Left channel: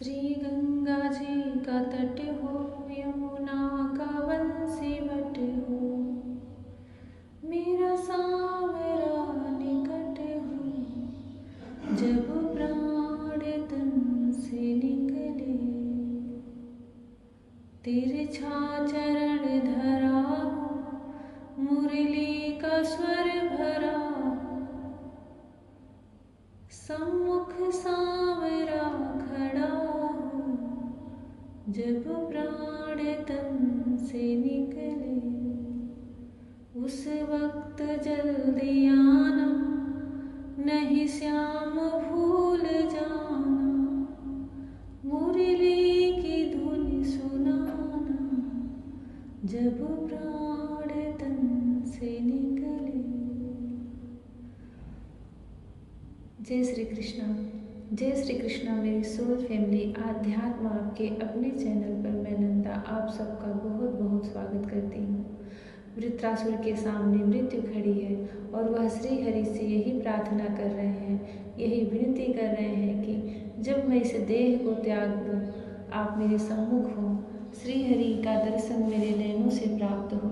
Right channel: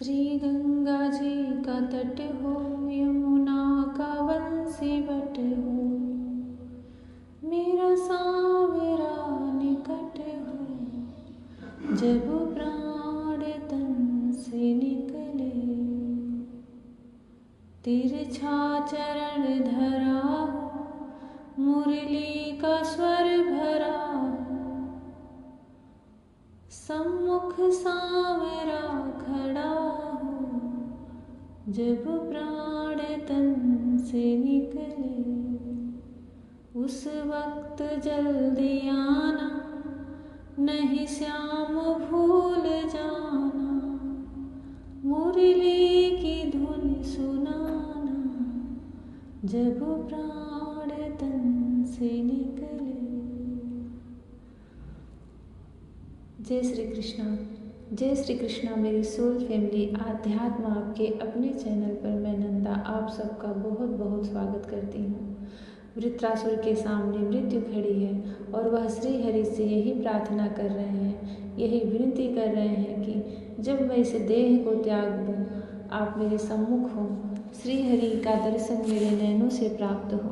श्री गंगा जी का तट हो, यमुना का वंशीवट हो, मेरा सांवरा निकट हो, जब प्राण तन से निकले। तिरछा चरण धरा हो, मुरली का स्वर भरा हो, सम्मुख सांवरा खड़ा हो, जब प्राण तन से निकले। उस वक्त जल्दी आना, नहीं श्याम भूल जाना, मुरली की धुन सुनाना, जब प्राण तन से निकले। जय श्री कृष्णा। जय श्री कृष्णा मेरी सोल फैमिली। आध्यात्म आपके अपने चैनल पर मैं नंदा आप सबका बहुत बहुत स्वागत करती हूँ। वृत्रासुर के सामने मृत्यु खड़ी है और वह श्री हरि से यही प्रार्थना कर रहे हैं, यही विनती कर रहे हैं कि जब मैं इस देह को त्याग दूँ, आप मेरे सम्मुख हों, श्री हरि का दर्शन मेरे नैनों से प्राप्त हो।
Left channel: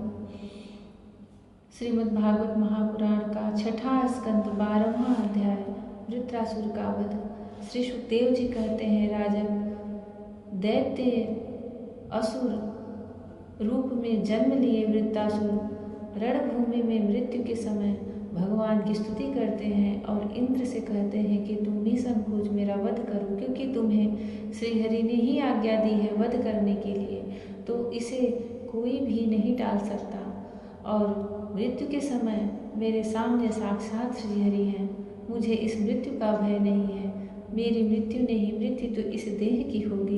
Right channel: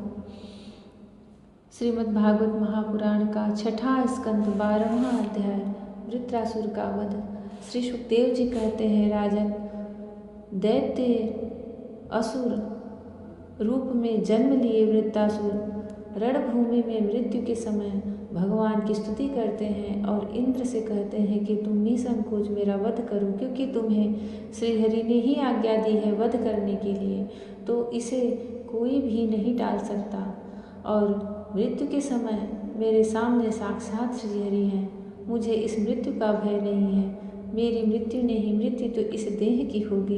श्रीमद् भागवत महापुराण का छठा स्कंद 12वां अध्याय वृत्रासुर का वध। श्री सुखदेव जी कहते हैं, राजन, दैत्य असुर रूप में जन्म लिए वृत्रासुर रणभूमि में मृत्यु के समय भगवान की स्तुति करते हैं और इंद्र से कहते हैं कि तुम निसंकोच मेरा वध करो, क्योंकि तुम्हें श्रीहरि ने ही आज्ञा दी है वध करने के लिए, तो इसे कोई भी नहीं टाल सकता। और मृत्यु के समय मेरे सामने साक्षात श्रीहरि हैं, मुझे इस मृत्यु का भय नहीं है। मेरी मृत्यु नहीं, मृत्यु तो इस देह की होगी।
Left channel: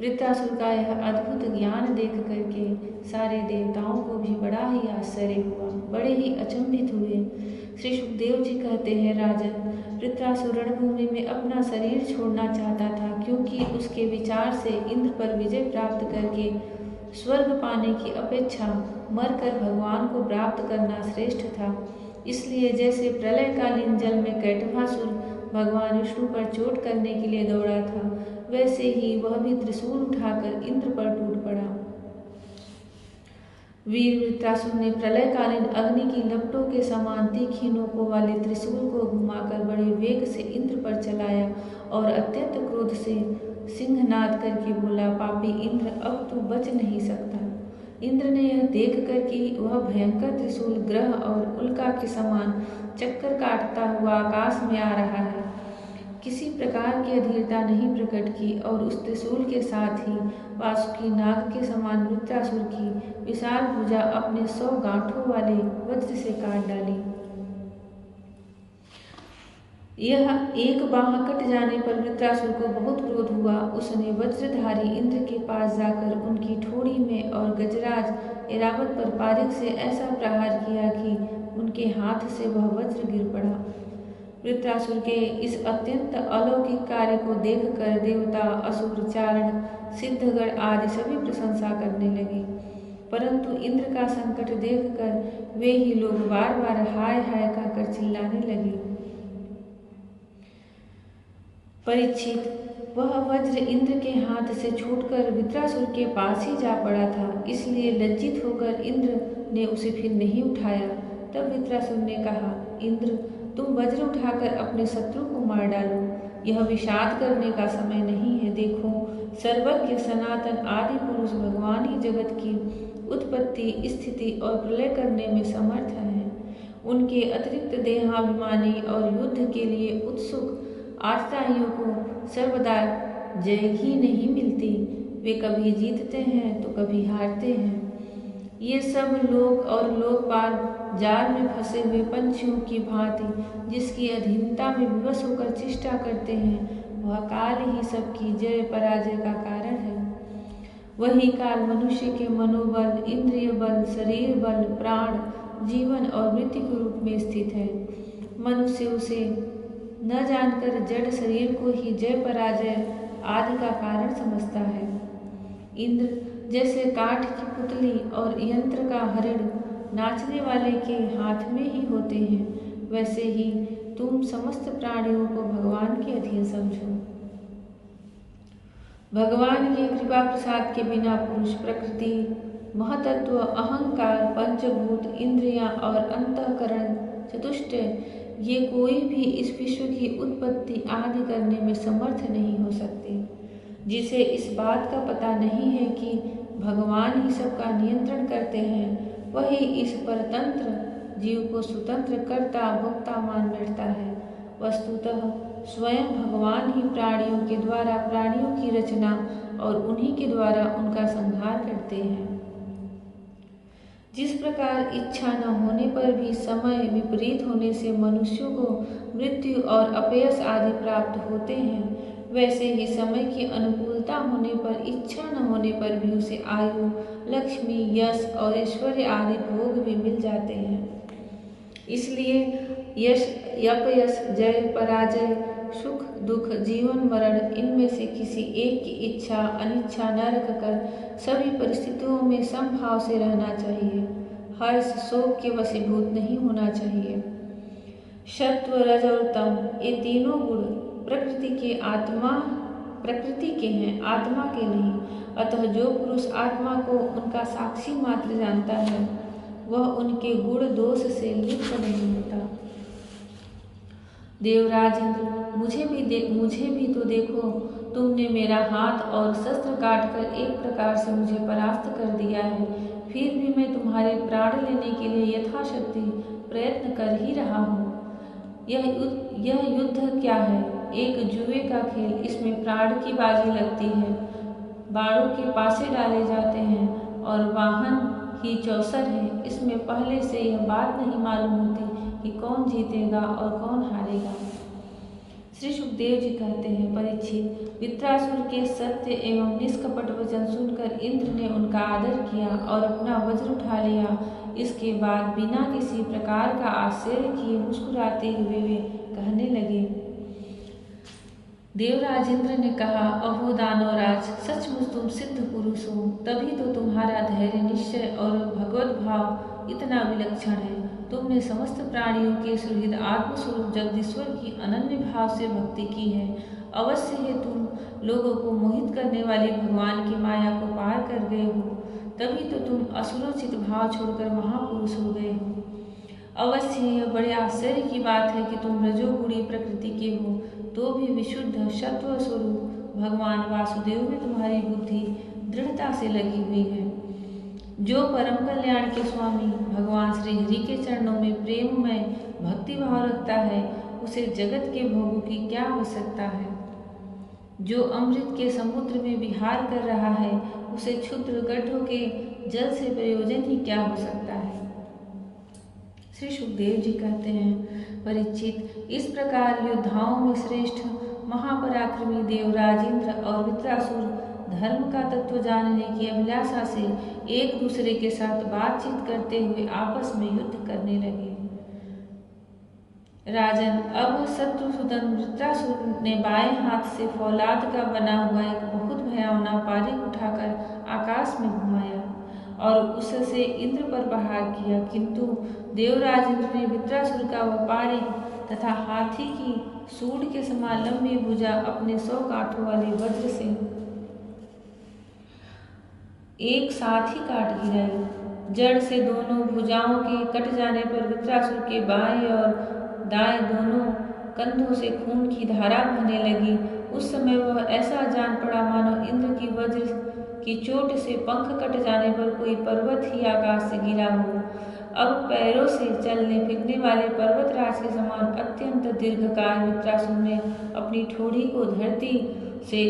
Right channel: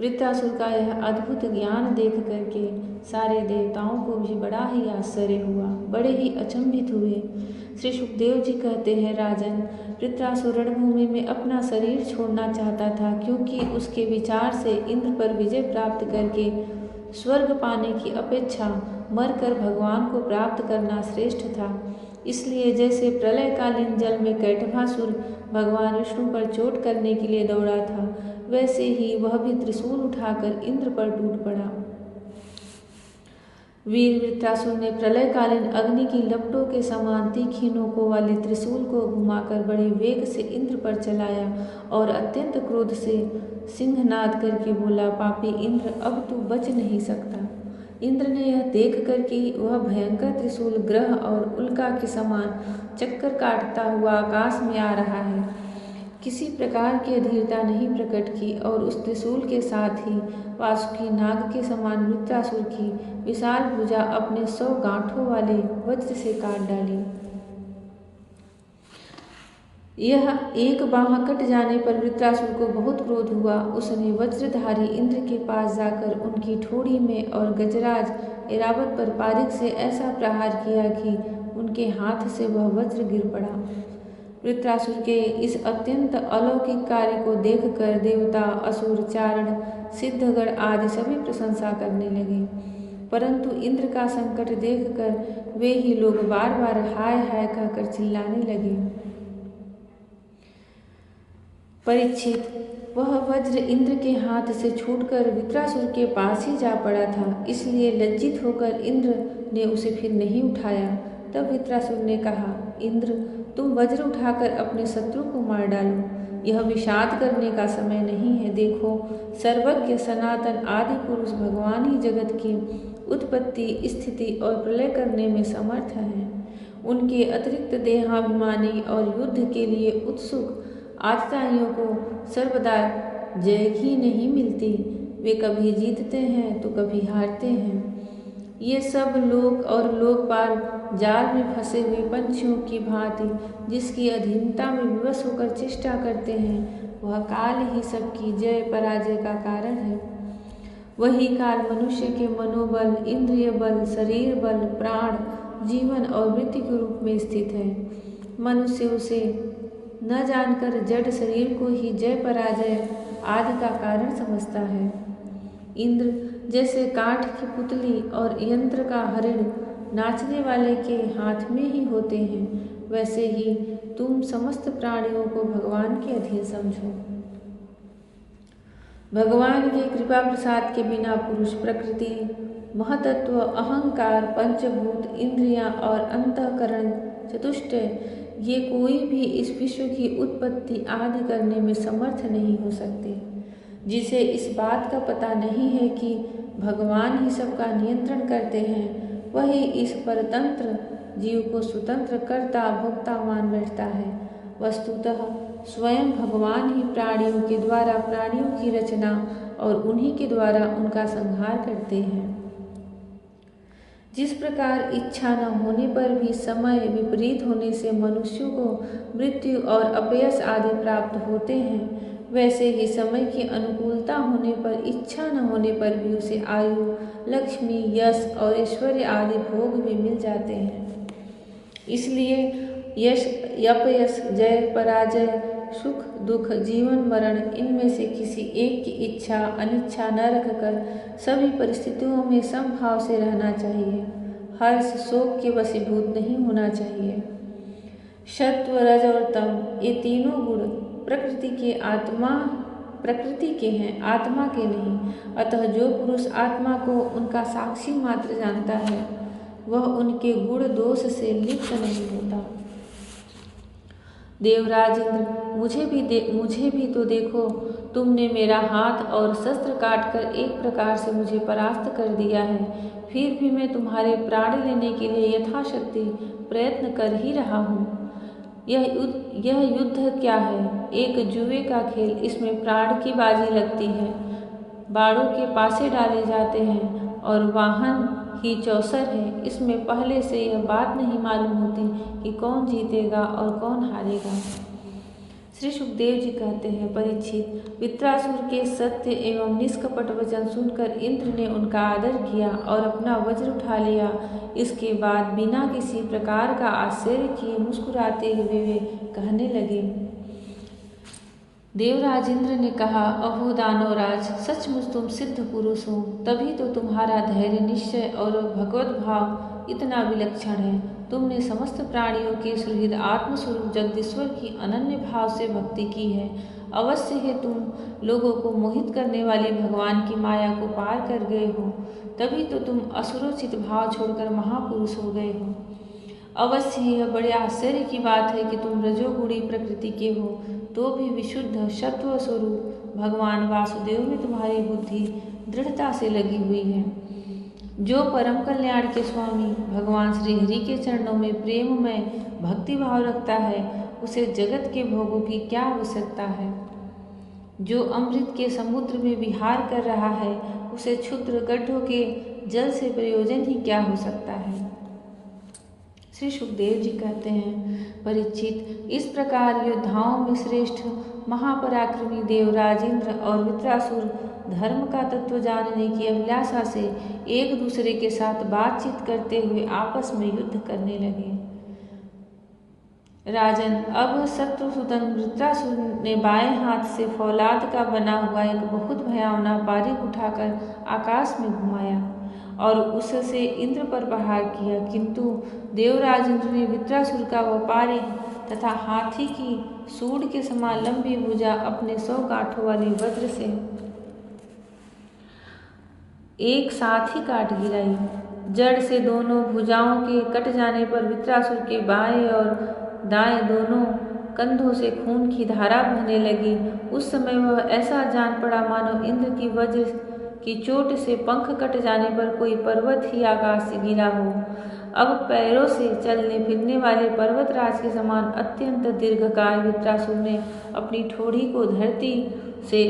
वृत्रासुर का यह अद्भुत ज्ञान देख करके सारे देवताओं को भी बड़ा ही आश्चर्य हुआ, बड़े ही अचंभित हुए। श्री सुखदेव जी कहते हैं, राजन, वृत्रासुर रणभूमि में अपना शरीर छोड़ना चाहता था, क्योंकि उसके विचार से इंद्र पर विजय प्राप्त करके स्वर्ग पाने की अपेक्षा मरकर भगवान को प्राप्त करना श्रेष्ठ था। इसलिए जैसे प्रलयकालीन जल में कैटभासुर भगवान विष्णु पर चोट करने के लिए दौड़ा था, वैसे ही वह भी त्रिशूल उठाकर इंद्र पर टूट पड़ा। वीर वृत्रासुर ने प्रलयकालीन अग्नि की लपटों के समान तीखी नोकों वाले त्रिशूल को घुमाकर बड़े वेग से इंद्र पर चलाया और अत्यंत क्रोध से सिंहनाद करके बोला, पापी इंद्र, अब तू बच नहीं सकता। इंद्र ने यह देख कर कि वह भयंकर त्रिशूल ग्रह और उल्का के समान चक्कर काटता हुआ आकाश में आ रहा है, किसी प्रकार की अधीरता नहीं प्रकट की और उस त्रिशूल के साथ ही वासुकी नाग के समान वृत्रासुर की विशाल भुजा अपने 100 गांठों वाले वज्र से काट डाली। यह एक बाह कट जाने पर वृत्रासुर को बहुत क्रोध हुआ। उसने वज्रधारी इंद्र के पास जाकर उनकी ठोड़ी में और गजराज ऐरावत पर पारिक से ऐसा प्रहार किया कि उनके हाथ से वह वज्र गिर पड़ा। वृत्रासुर के इस अत्यंत अलौकिक कार्य को देखकर देवता, असुर, चारण, सिद्धगण आदि सभी प्रशंसा करने लगे, परंतु इंद्र का संकट देखकर वे ही लोग बार बार हाय हाय कहकर चिल्लाने लगे। परीक्षित, वह वज्र इंद्र के हाथ से छूटकर वृत्रासुर के पास ही जा पड़ा था, इसलिए लज्जित होकर इंद्र ने उसे फिर नहीं उठाया। तब वृत्रासुर ने कहा, इंद्र, तुम वज्र उठाकर अपने शत्रु को मार डालो, यह विषाद करने का समय नहीं है। देखो, सर्वज्ञ सनातन आदि पुरुष भगवान ही जगत की उत्पत्ति, स्थिति और प्रलय करने में समर्थ हैं। उनके अतिरिक्त देहाभिमानी और युद्ध के लिए उत्सुक आतताइयों को सर्वदा जय ही नहीं मिलती। वे कभी जीतते हैं तो कभी हारते हैं। ये सब लोक और लोकपाल जाल में फंसे हुए पंछियों की भांति जिसकी अधीनता में विवश होकर चेष्टा करते हैं, वह काल ही सबकी जय पराजय का कारण है। वही काल मनुष्य के मनोबल, इंद्रिय बल, शरीर बल, प्राण, जीवन और मृत्यु के रूप में स्थित है। मनुष्य उसे न जानकर जड़ शरीर को ही जय पराजय आदि का कारण समझता है। इंद्र जैसे काठ की पुतली और यंत्र का हरिण नाचने वाले के हाथ में ही होते हैं, वैसे ही तुम समस्त प्राणियों को भगवान के अधीन समझो। भगवान के कृपा प्रसाद के बिना पुरुष, प्रकृति, महतत्व, अहंकार, पंचभूत, इंद्रियां और अंतःकरण, चतुष्टय, ये कोई भी इस विश्व की उत्पत्ति आदि करने में समर्थ नहीं हो सकते। जिसे इस बात का पता नहीं है कि भगवान ही सबका नियंत्रण करते हैं, वही इस परतंत्र जीव को स्वतंत्र कर्ता भोक्ता मान बैठता है। वस्तुतः स्वयं भगवान ही प्राणियों के द्वारा प्राणियों की रचना और उन्हीं के द्वारा उनका संहार करते हैं। जिस प्रकार इच्छा न होने पर भी समय विपरीत होने से मनुष्यों को मृत्यु और अपयश आदि प्राप्त होते हैं, वैसे ही समय की अनुकूलता होने पर इच्छा न होने पर भी उसे आयु, लक्ष्मी, यश और ऐश्वर्य आदि भोग भी मिल जाते हैं। इसलिए यश, अपयश, जय, पराजय, सुख, दुख, जीवन, मरण, इनमें से किसी एक की इच्छा अनिच्छा न रखकर सभी परिस्थितियों में समभाव से रहना चाहिए। हर्ष, शोक के वशीभूत नहीं होना चाहिए। सत्व, रज और तम, ये तीनों गुण प्रकृति के हैं, आत्मा के नहीं। अतः जो पुरुष आत्मा को उनका साक्षी मात्र जानता है, वह उनके गुण दोष से लिप्त नहीं होता। देवराज इंद्र, मुझे भी तो देखो, तुमने मेरा हाथ और शस्त्र काटकर एक प्रकार से मुझे परास्त कर दिया है, फिर भी मैं तुम्हारे प्राण लेने के लिए यथाशक्ति प्रयत्न कर ही रहा हूँ। यह युद्ध क्या है? एक जुए का खेल। इसमें प्राण की बाजी लगती है, बाड़ों के पासे डाले जाते हैं और वाहन ही चौसर है। इसमें पहले से यह बात नहीं मालूम होती कि कौन जीतेगा और कौन हारेगा। श्री सुखदेव जी कहते हैं, परीक्षित, वित्रासुर के सत्य एवं निष्कपट वचन सुनकर इंद्र ने उनका आदर किया और अपना वज्र उठा लिया। इसके बाद बिना किसी प्रकार का आश्चर्य किए मुस्कुराते हुए वे कहने लगे। देवराज इंद्र ने कहा, अहो दानवराज, सचमुच तुम सिद्ध पुरुष हो, तभी तो तुम्हारा धैर्य, निश्चय और भगवत भाव इतना विलक्षण है। तुमने समस्त प्राणियों के सुहृद आत्मस्वरूप जगदीश्वर की अनन्य भाव से भक्ति की है। अवश्य है तुम लोगों को मोहित करने वाली भगवान की माया को पार कर गए हो, तभी तो तुम असुरोचित भाव छोड़कर महापुरुष हो गए हो। अवश्य यह बड़े आश्चर्य की बात है कि तुम रजोगुणी प्रकृति के हो, तो भी विशुद्ध सत्व स्वरूप भगवान वासुदेव में तुम्हारी बुद्धि दृढ़ता से लगी हुई है। जो परम कल्याण के स्वामी भगवान श्री हरि के चरणों में प्रेम में भक्ति भाव रखता है, उसे जगत के भोगों की क्या आवश्यकता है। जो अमृत के समुद्र में विहार कर रहा है, उसे क्षुद्र गड्ढों के जल से प्रयोजन ही क्या हो सकता है। श्री सुखदेव जी कहते हैं, परीक्षित, इस प्रकार योद्धाओं में श्रेष्ठ महापराक्रमी देवराज इंद्र और वित्रासुर धर्म का तत्व जानने की अभिलाषा से एक दूसरे के साथ बातचीत करते हुए आपस में युद्ध करने लगे। राजन, अब शत्रुसूदन वृत्रासुर ने बाएं हाथ से फौलाद का बना हुआ एक बहुत भयावना पारिक उठाकर आकाश में घुमाया और उससे इंद्र पर प्रहार किया, किंतु देवराज इंद्र ने वृत्रासुर का वह पारिक तथा हाथी की सूंड के समान लंबी भुजा अपने 100 गांठों वाले वज्र से एक साथ ही काट गिराई। जड़ से दोनों भुजाओं के कट जाने पर वृत्रासुर के बाएं और दाएं दोनों कंधों से खून की धारा बहने लगी। उस समय वह ऐसा जान पड़ा मानो इंद्र की वज्र की चोट से पंख कट जाने पर कोई पर्वत ही आकाश से गिरा हो। अब पैरों से चलने फिरने वाले पर्वतराज के समान अत्यंत दीर्घकाय वृत्रासुर ने अपनी ठोड़ी को धरती से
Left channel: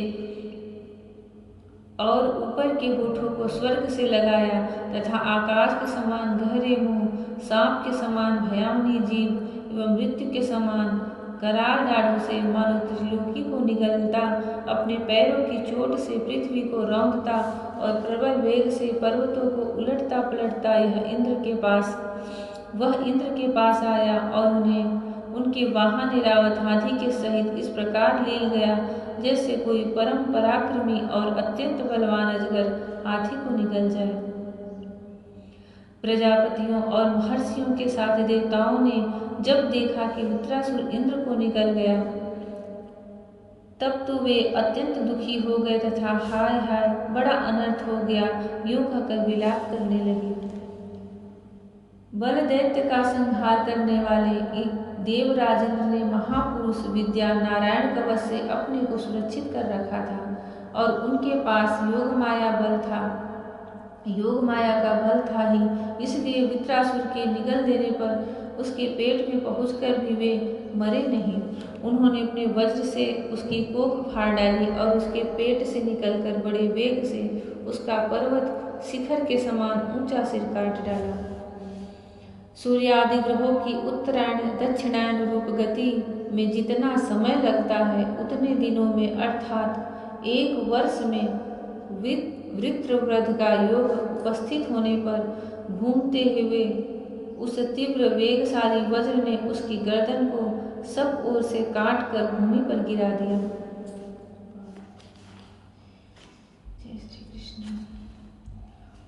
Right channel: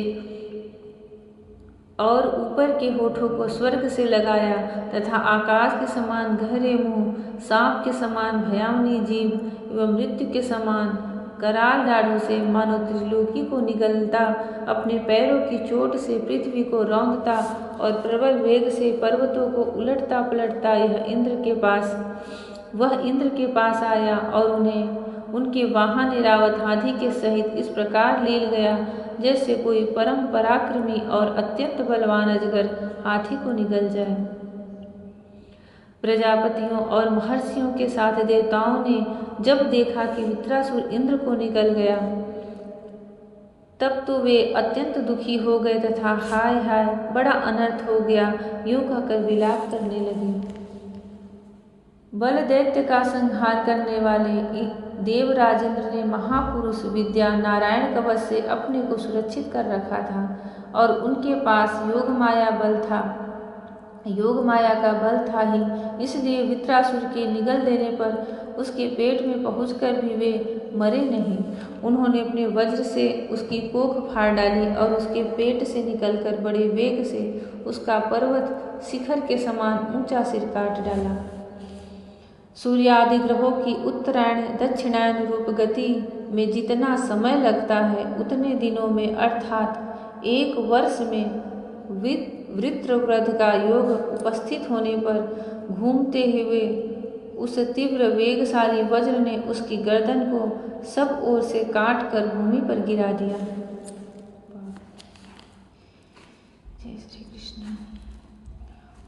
और ऊपर के होठों को स्वर्ग से लगाया तथा आकाश के समान गहरे मुंह, सांप के समान भयावनी जीभ एवं मृत्यु के समान कराल दाढ़ों से मानो त्रिलोकी को निगलता, अपने पैरों की चोट से पृथ्वी को रौंदता और प्रबल वेग से पर्वतों को उलटता पलटता वह इंद्र के पास आया और उन्हें उनके वाहन एरावत हाथी के सहित इस प्रकार ले गया जैसे कोई परम पराक्रमी और अत्यंत बलवान अजगर हाथी को निगल जाए। प्रजापतियों और महर्षियों के साथ देवताओं ने जब देखा कि वृत्रासुर इंद्र को निगल गया, तब तो वे अत्यंत दुखी हो गए तथा हाय हाय बड़ा अनर्थ हो गया यूं कहकर विलाप करने लगी। बल दैत्य का संहार करने वाले देवराजेंद्र ने महापुरुष विद्या नारायण कवच से अपने को सुरक्षित कर रखा था और उनके पास योग माया बल था। योग माया का बल था ही, इसलिए वृत्रासुर के निगल देने पर उसके पेट में पहुंचकर भी वे मरे नहीं। उन्होंने अपने वज्र से उसकी कोख फाड़ डाली और उसके पेट से निकलकर बड़े वेग से उसका पर्वत शिखर के समान ऊंचा सिर काट डाला। सूर्य आदि ग्रहों की उत्तरायण दक्षिणायन रूप गति में जितना समय लगता है उतने दिनों में अर्थात 1 वर्ष में वृत्रवृध का योग उपस्थित होने पर घूमते हुए उस तीव्र वेगशाली वज्र ने उसकी गर्दन को सब ओर से काट कर भूमि पर गिरा दिया। जय श्री कृष्ण।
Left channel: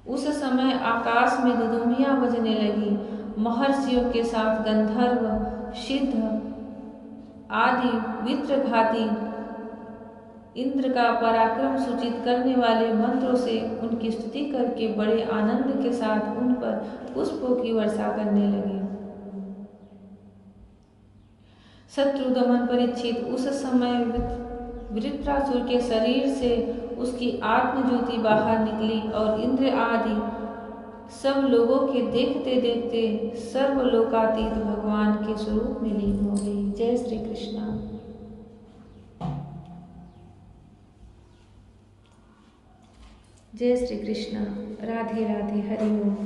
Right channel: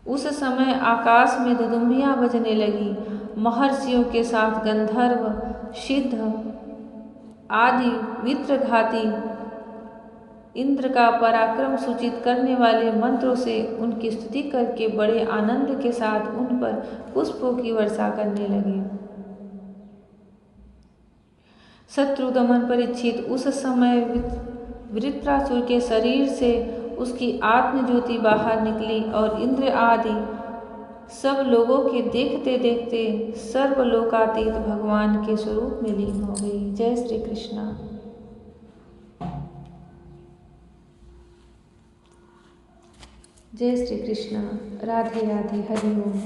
उस समय आकाश में दुदुम्बियां बजने लगी। महर्षियों के साथ गंधर्व सिद्ध आदि वित्रघाती इंद्र का पराक्रम सूचित करने वाले मंत्रों से उनकी स्तुति करके बड़े आनंद के साथ उन पर पुष्पों की वर्षा करने लगे। शत्रु दमन परीक्षित उस समय वृत्रासुर के शरीर से उसकी आत्मज्योति बाहर निकली और इंद्र आदि सब लोगों के देखते देखते सर्वलोकातीत भगवान के स्वरूप में लीन हो गई। जय श्री कृष्ण। जय श्री कृष्ण। राधे राधे। हरि ओम।